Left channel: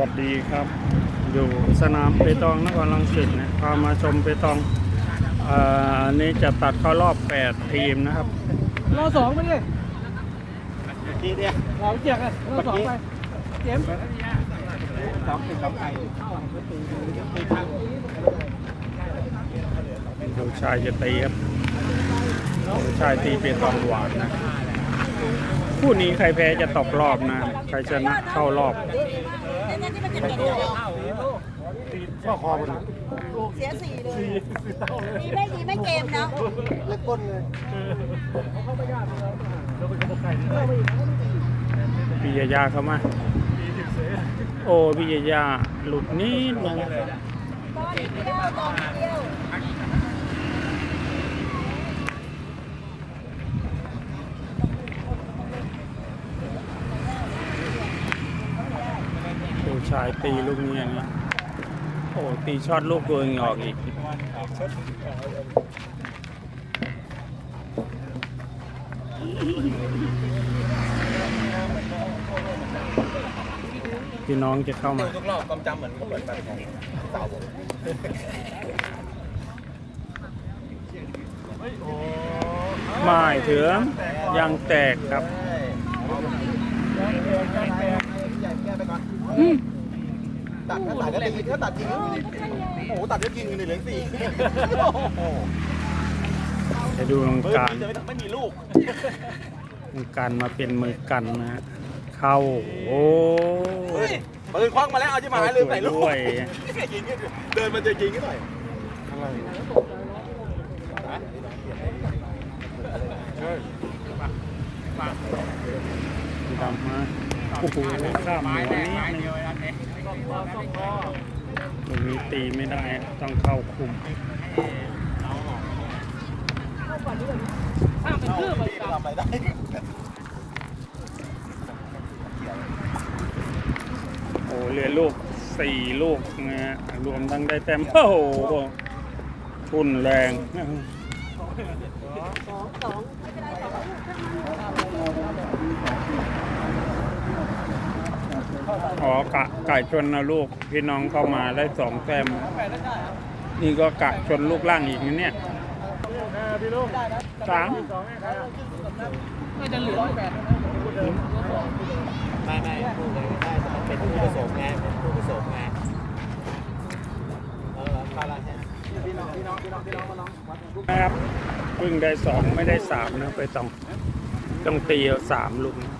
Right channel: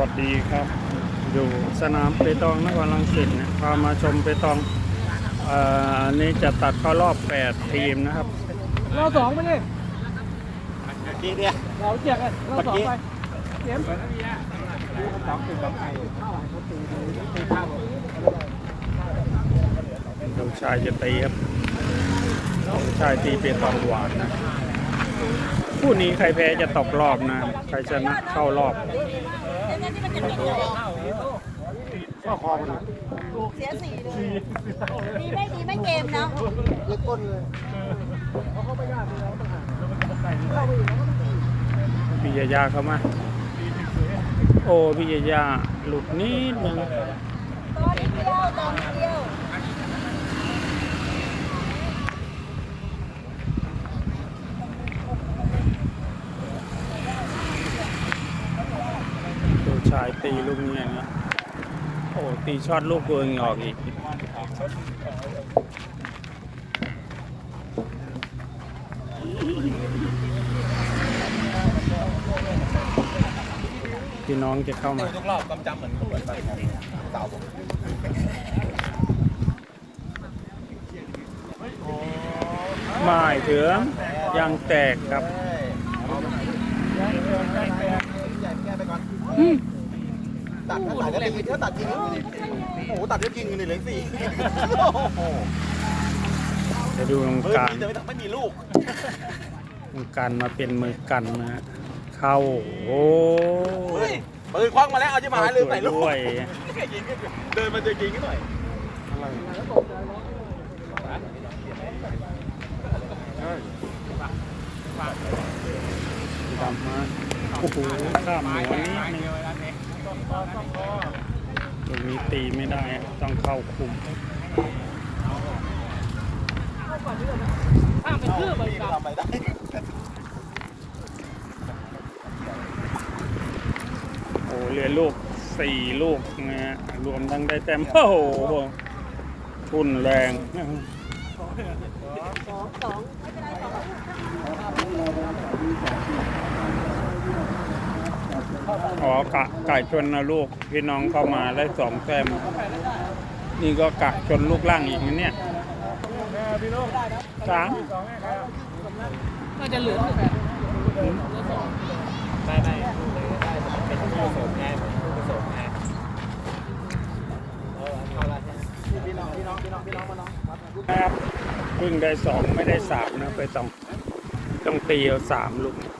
วัสดีครับ อยู่สนามเปตองนครลังสิตนะพามาชมเปตองเอ่ออันนี้จะตัดเข้ารอบ 8 ทีมนะครับรอสองไปดิดีเนี่ยหมอเจียกอะรอสองไปเจมส์สองเป็นสองไก่ดูชายจะตีครับโอ้ชายตีเปตองหวานนะ คู่นี้ใครแพ้จะตกรอบนะใครชนะเข้ารอบเสียสี่เลยนี่ไม่ดีไม่เกมนะเล็กก้นเลยพี่ยาย่าเข้ามาโอ้พี่ยาย่าหลุดนิดนึงตอนเดียวตอนเดียวายตีลูกนี้นะโอ้ตีช็อตลูกตัวเองออกอีกพี่น้องจะเข้ามาทุกรอบความจำเหมือนเหมือนแบบสาวผมไม่ถึงยังแตกครับ ตัดถ้าตัดก็ตีถ้าตัดทิ้งโอ้โหตัดก็ยิงเลยเหลืองสี่โอ้โหจะดูลงการไม่มีลูกลงการมาเป็นมือกันนะฮะเข้าโอ้ปืนคว้างมาแล้วเอาที่มาเข้าเลยสวใส่ยลูกด้วยเดินมันจะยิงกันหน่อยดำมาโอ้โหข้ามหัวนิดนึงลูก นี้ตีไม่ได้ต้องเข้าคุมทำอะไรได้โอ้เหลือลูกสี่ลูกนะฮะรวมทั้งได้แต้มโอ้โหทุ่นแรงสองสองไม่เป็นไรสองลูกช่างมัน อ๋อกะไกะชนนะลูกพี่น้องเข้ามาได้สองแต้มนี่ก็กะชนลูกล่างอีกนะเนี่ยสามก็จะเหลือไม่ไม่เลยได้มันเป็นผู้ผสมไงผู้ผสมไงเออมาแล้วพี่น้องพี่น้องพี่น้องพี่น้องมาน้องครับเพิ่งได้สองไม่ได้สามนะไปต้องต้องตีเอาสามลูกนะ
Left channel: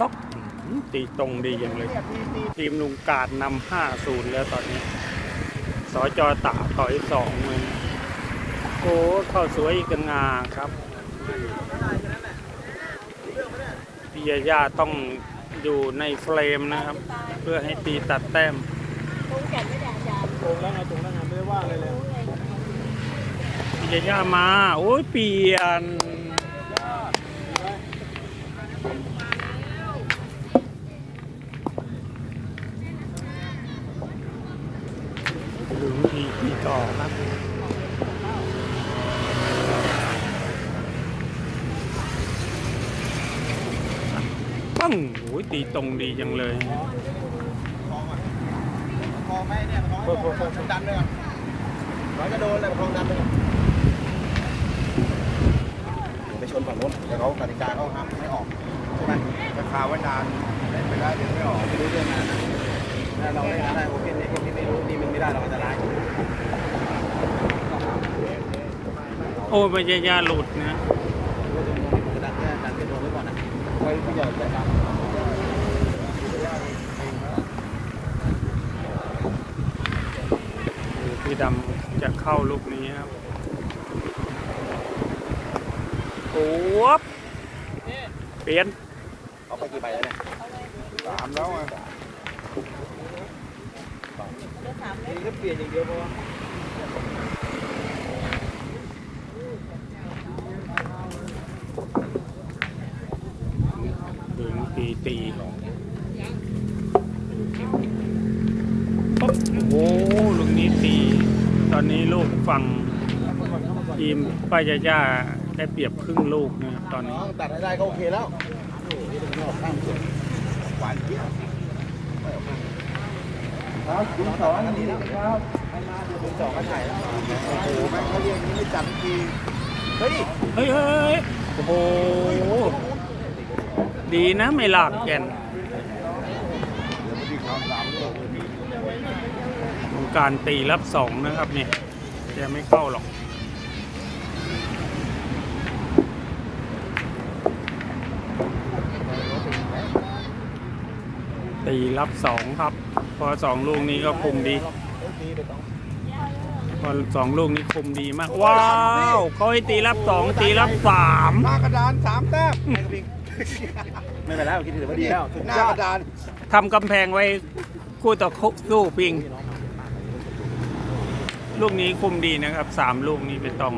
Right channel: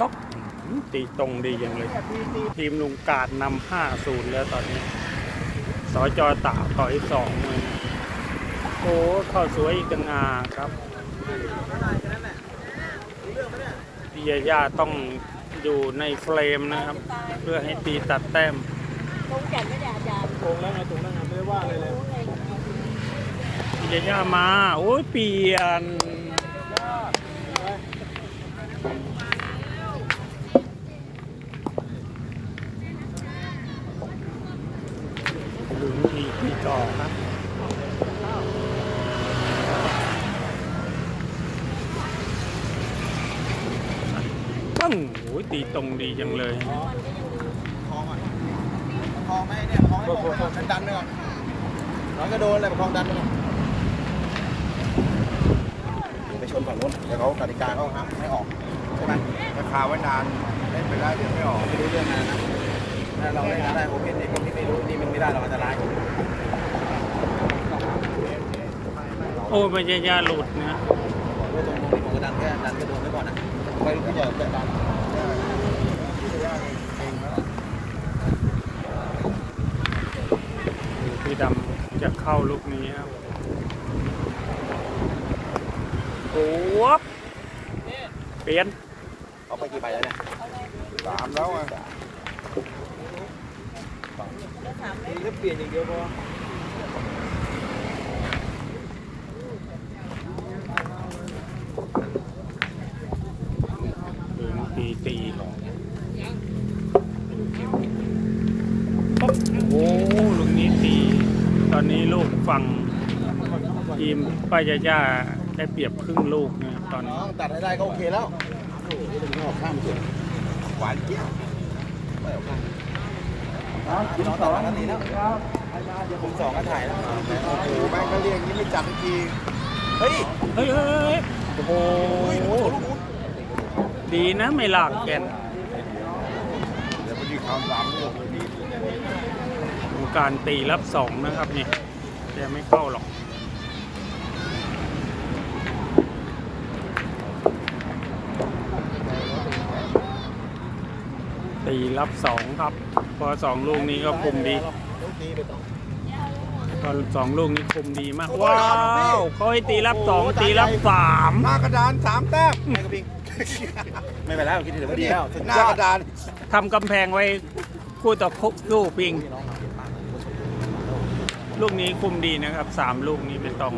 ต๊อก ตีตรงดีอย่างเลย ทีมลุงกาดนำห้าศูนย์แล้วตอนนี้สจตาถอยสองมือโอ้เข้าสวยอีกงาครับพี่ยาย่าต้องอยู่ในเฟรมนะครับ เพื่อให้ตีตัดแต้มคงจัดไม่ได้อาจารย์โกงแล้วมาตรงนั้นไม่ว่าเลยเลยพี่ยาย่ามา โอ้ยเปลี่ยนห รือมีพี่ต่อครับปั้งโอ้ยตีตรงดีจังเลยคลองอะคลองไหมเนี่ยคลองคลองคลองดันเลยไหนก็โดนเลยคลองดันเลยไปชนฝั่งโน้นแล้วเขากติกาเขาครับไม่ออกราคาไว้นานเล่นไปแล้วเดี๋ยวไม่ออกไม่รู้เรื่องนะถ้าเราไม่ได้โอเคเนี่ยไม่รู้นี่มันไม่ได้เราอันตราย โอ้ยไม่ใช่ยาหลุดนะพี่ดำจะเข้าลูกนี้ครับโอ้บเปลี่ยนเอาไปกี่ใบแล้วเนี่ยสามแล้วอะนี่ก็เปลี่ยนอย่างเดียวพอ ดูตีตีโอ้ลูกนี้ตี ต อนนี้ลูกฝั่งทีมป้ายาย่าได้เปรียบครึ่งลูกนะครับตอนน้นี้องตัดให้ได้ก็โอเคแล้วโอ้โหนี่เป็นงอกข้ามเฉยหวานเจี๊ยบกินสองอันนี้นะครับกินสองอันใหญ่มาแม่โอ้โหแม่งก็เรียกนี้ไม่จัดสักทีเฮ้ยเฮ้ยเฮ้ยโอ้โหดีนะไม่ลากแกน มีความหวังเลย ลง การตีรับสองนะครับเนี่ยแกไม่เข้าหรอกตีรับสองครับ พอสองลูกนี้ก็คุมดีพอสองลูกนี้คุมดีมาก ว้าวเขาให้ตีรับสองตีรับสามหน้ากระดานสามแต้มไม่เป็นไรผมคิดถือว่าดีแล้วหน้ากระดานทำกำแพงไว้คู่ต่อคู่ปิง ลูกนี้คุมดีนะครับสามลูกนี้ไม่ต้อง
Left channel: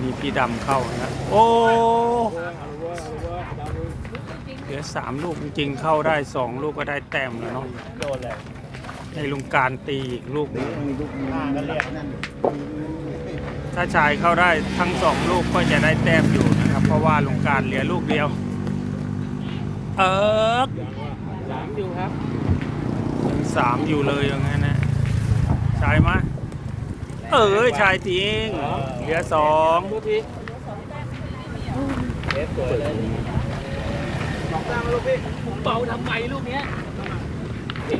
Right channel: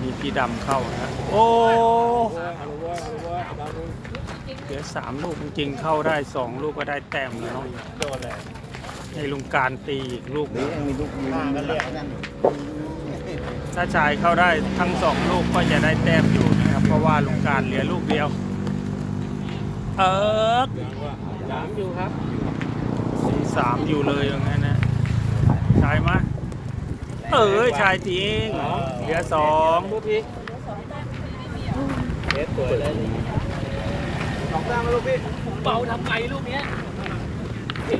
มีพี่ดำเข้านะ โอ้เดี๋ยวสามลูกจริงเข้าได้สองลูกก็ได้แต้มแล้วเนาะในลุงการตีอีกลูกหนึ่งถ้าชายเข้าได้ทั้งสองลูกก็จะได้แต้มอยู่นะครับ เพราะว่าลุงการเหลือลูกเดียว เออสามอยู่ครับ ยังสามอยู่เลยอย่างนั้นนะชายมะเออชายจริงเหลือสองดูทีเบาทำไงลูกเนี้ย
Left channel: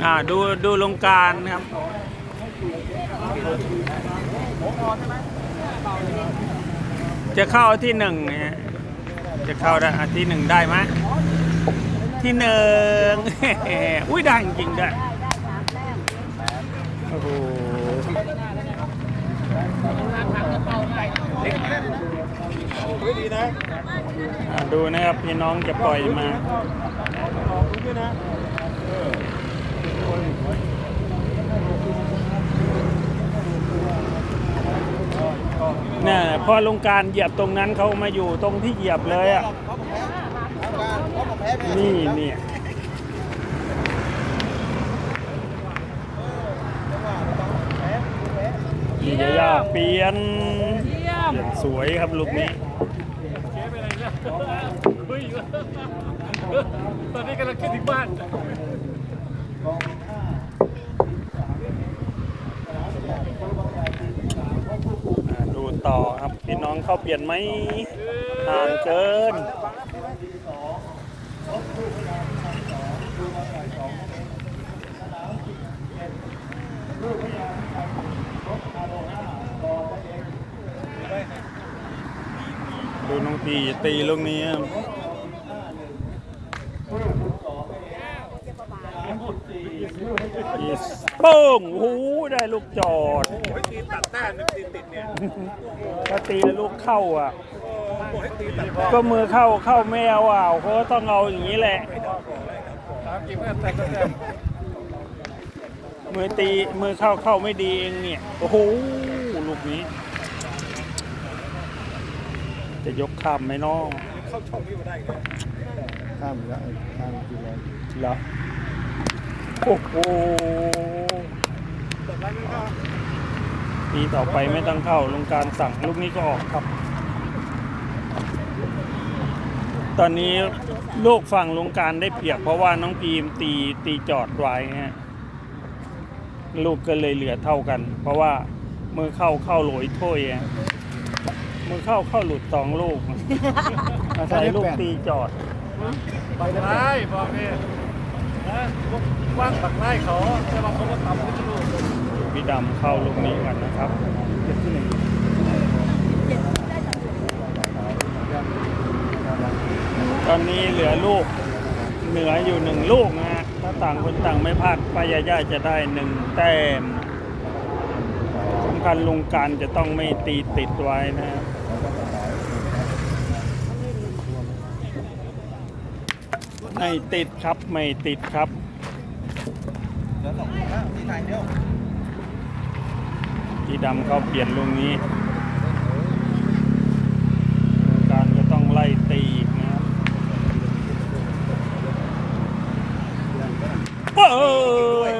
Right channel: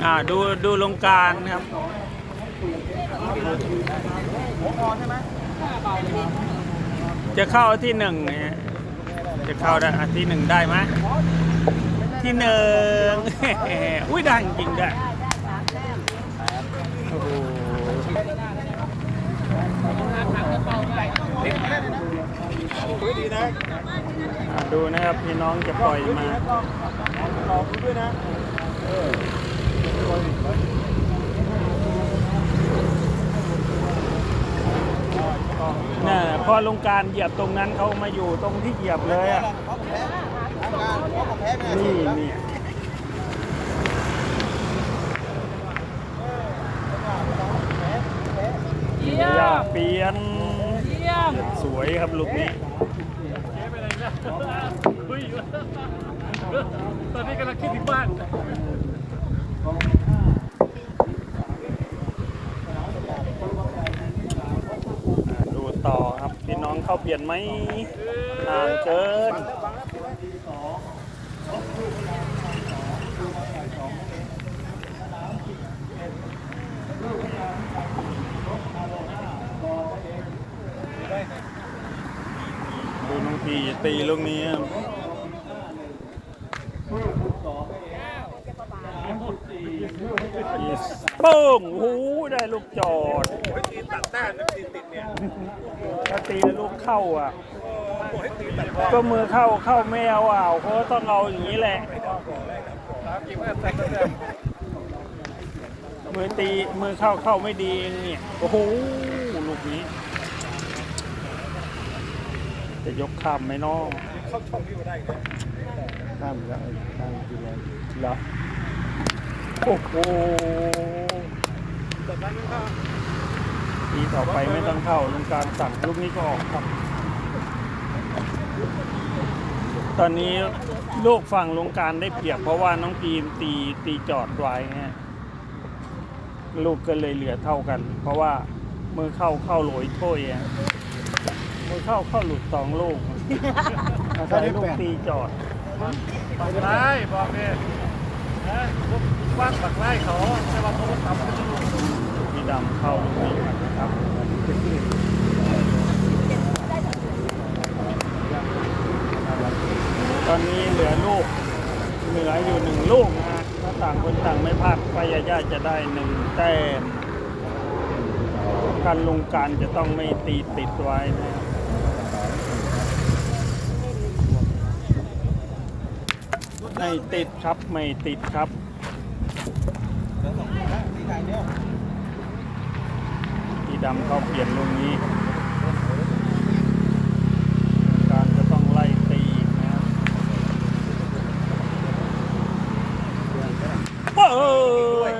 อ่าดูดูลงการครับจะเข้าที่หนึ่งนะฮะจะเข้าได้อะที่หนึ่งได้ไหมที่หนึ่งอุ้ยได้จริงๆได้โอ้โหอะ ดูนะครับพี่น้องจะปล่อยมาออกดูด้วยนะเนี่ยพอลงการเหยียบตรงนั้นเขามาอยู่ตรงที่เหยียบเลยอะนี่เนี่ย นี่จะยากเปลี่ยนสวยครับลูกนี้ตอนนี้กำลังขึ้นถึงบ้านดูต่อครับพี่น้องเข้าเปลี่ยนไหมห่างเกิน ดูน้องพีตีลูกนี้อีสป้งโอ้โหได้ลูกจอดถ้าตีแล้วลูกเข้าอะก็มือเข้าเข้าไม่เอาอะเขาต้องเอาอย่างนี้แหละมือตีมือเข้าเข้าไม่ดีเองเนี่ยโอ้โหลูกนี้ จะยกข้ามไหมน้องเข้ามแล้วข้ามกินเลยเหรอโอ้โหทีต่อไปไม่ต้องเข้าลงการสั่งลูกนี้ก็ออกครับ ตอนนี้ลูกฝั่งลงการได้เปรียบเพราะว่าน้องพีมตีตีจอดไว้ฮะลูกก็เลยเหลือเท่ากัน เพราะว่าเมื่อเข้าเข้าโหลยถ้วย อะมือเข้าเข้าหลุดสองลูก อาศัยลูกตีจอดได้บอกเลยนะว่างปักไล่ขอจะมาคนละคำพี่ดำเข้าลูกนี้ก่อนนะครับตอนนี้เหลือลูกเหลืออยู่หนึ่งลูกนะฮะถ้าต่างคนต่างไม่พลาดปายาย่าจะได้หนึ่งแต้มสำคัญลงการจะต้องไม่ตีติดไว้นะ ไม่ติดครับ ไม่ติดครับแล้วสองคนนะนี่ใครเดียวพี่ดำเขาเปลี่ยนลูกนี้ การก็ต้องไล่ตีอีกนะครับโอ้ย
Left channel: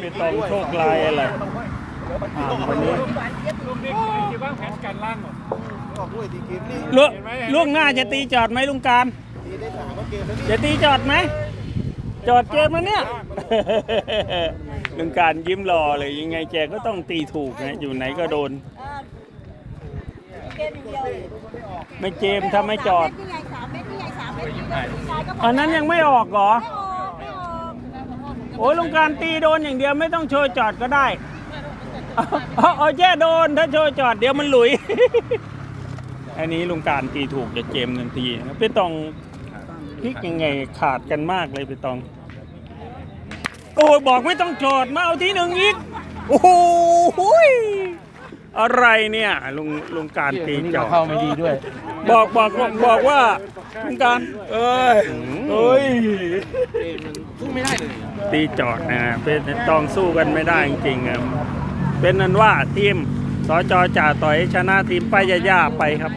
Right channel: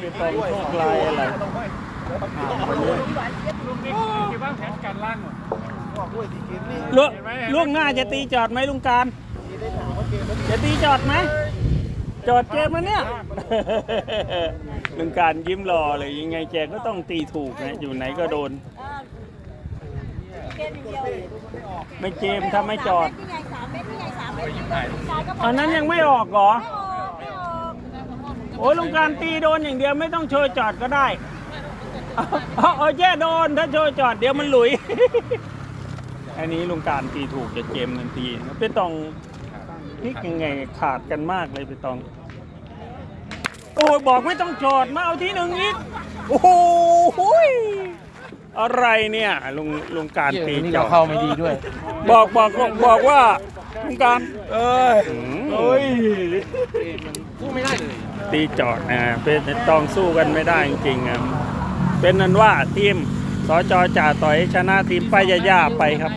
เป็นตอนโชคลายอะไรอ่าคนนี้ที่วางแผนกันลูกลูกหน้าจะตีจอดไหมลุงการ จะตีจอดไหม จอดเกมมันเนี่ยลุงการยิ้มรอเลยยังไงแกก็ต้องตีถูกนะอยู่ไหนก็โดน ไม่เกมถ้าไม่จอดตอันนั้นยังไม่ออกเหรอ โอ้ยลุงการตีโดนอย่างเดียวไม่ต้องโชว์จอดก็ได้เอาแค่โดนถ้าโชว์จอดเดี๋ยวมันหลุย อันนี้ลุงการตีถูกจะเกมทันทีนะครับไปตอง พลิกยังไงขาดกันมากเลยไปตอง โอ้ยบอกไม่ต้องจอดมาเอาที่หนึ่งอีก โอ้โหยอะไรเนี่ยลุงลุงการตีจอด เข้ามาดีด้วย บอกบอกบอกบอกว่าลุงการเอ้ยอืมเอ้ยตีจอดนะเป็นตองสู้กันไม่ได้จริงๆอะเป็นนั้นว่าทีมสจจ่าต่อยชนะทีมป้ายาย่าไปครับ